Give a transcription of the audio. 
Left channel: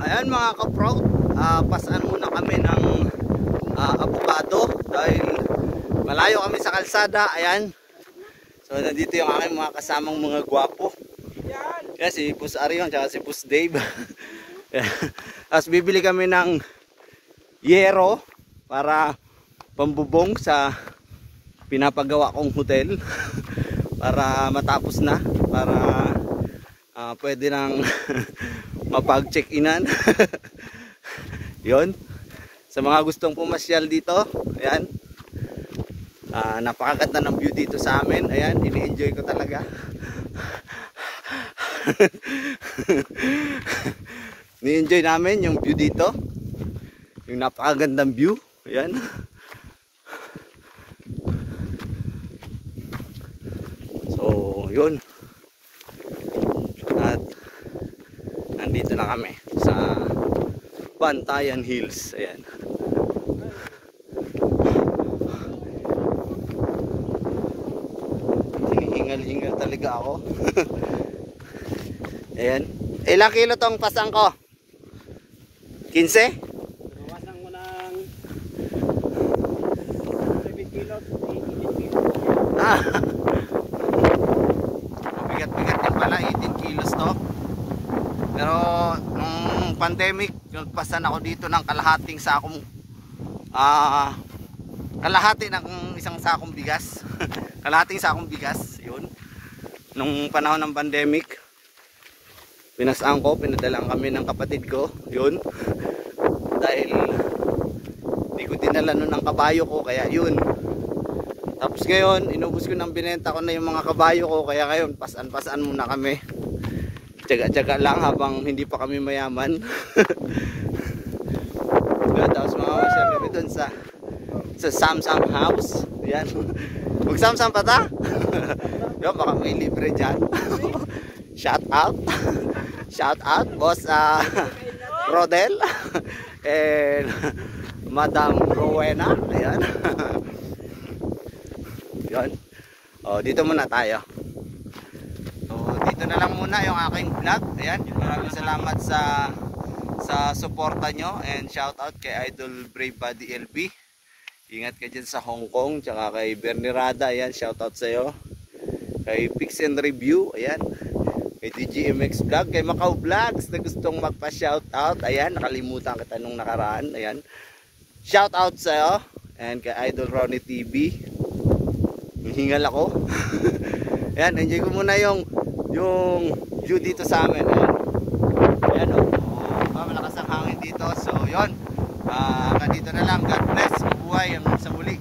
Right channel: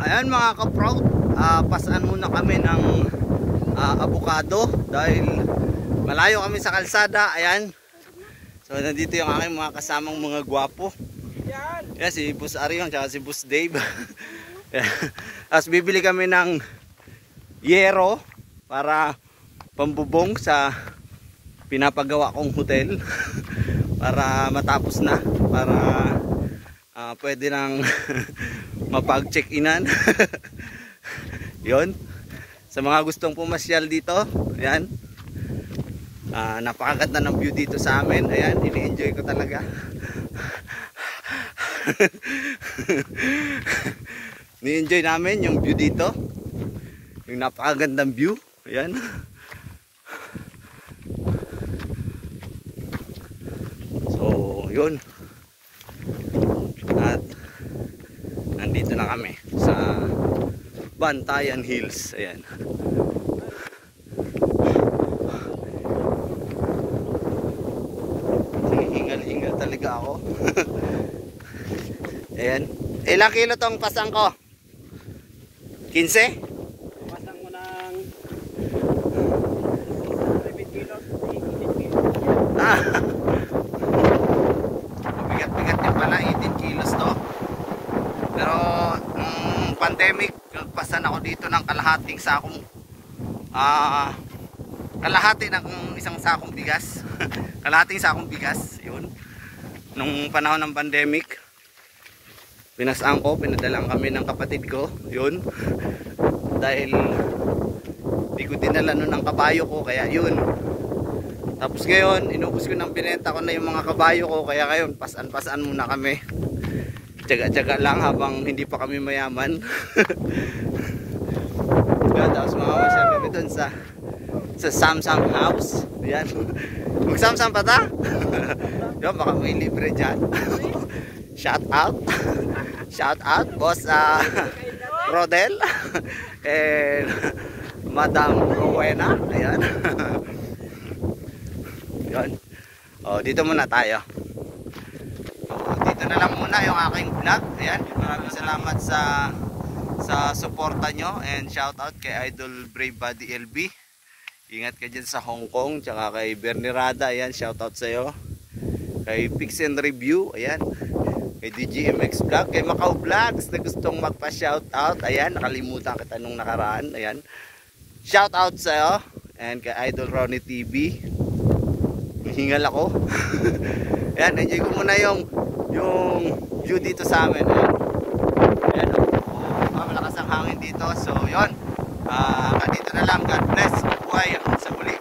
Ayan mga ka-proud, pasaan muna kami ng avocado dahil malayo kami sa kalsada. Ayan. So nandito yung aking mga kasamang mga gwapo. Yes, si Boss Arion at si Boss Dave. As bibili kami ng yero para pambubong sa pinapagawa kong hotel para matapos na, para pwede nang mapag-check-inan. Yun, sa mga gustong pumasyal dito, ayan, napakaganda ng view dito sa amin. Ayan, ini-enjoy ko talaga. Ni-enjoy namin yung view dito, yung napakagandang view. Ayan. So yun, at nandito na kami sa Bantayan Hills. Ayan. Hingal-hingal talaga ako. Ayan. Ilang kilo tong pasang ko? 15? Pasang mo ng 7 kilos, 18 kilos. Bigat-bigat din pala, 18 kilos to. Pero nung pandemic, nagpasan ako dito ng kalahating sakong kalahati ng isang sakong bigas. Kalahating sakong bigas, yun. Nung panahon ng pandemic, pinasaan ko, pinadalang kami ng kapatid ko, yun. Dahil di ko dinala nun ng kabayo ko, kaya yun. Tapos ngayon, inubos ko ng binenta ko na yung mga kabayo ko, kaya ngayon, pasan-pasan muna kami. Tsaga-tsaga lang habang hindi pa kami mayaman. Tapos mamamasyal kami dun sa Samsung House. Ayan. Mag-Samsung pa ta? Yo, baka may libre dyan. Shout out. Shout out, boss Rodel. And Madam Rowena. Ayan. Yan. Oh, dito muna tayo. Oh, dito na lang muna yung aking vlog. Ayan. Maraming salamat sa suporta nyo, and shout out kay Idol Brave Body LB. Ingat ka dyan sa Hong Kong, tsaka kay Bernie Rada. Ayan, shout out sa iyo. Kay Pix and Review. Ayan. Kay DGMX Vlog, kay Macau Vlogs na gustong magpa-shout out. Ayan, nakalimutan kita nung nakaraan. Ayan. Shout out sa iyo, and kay Idol Ronnie TV. Hingal ako. Ayan, enjoy ko muna yung view dito sa amin. Ayan, malakas ang hangin dito. So yun, dito na lang. God bless. Buhay hanggang sa muli.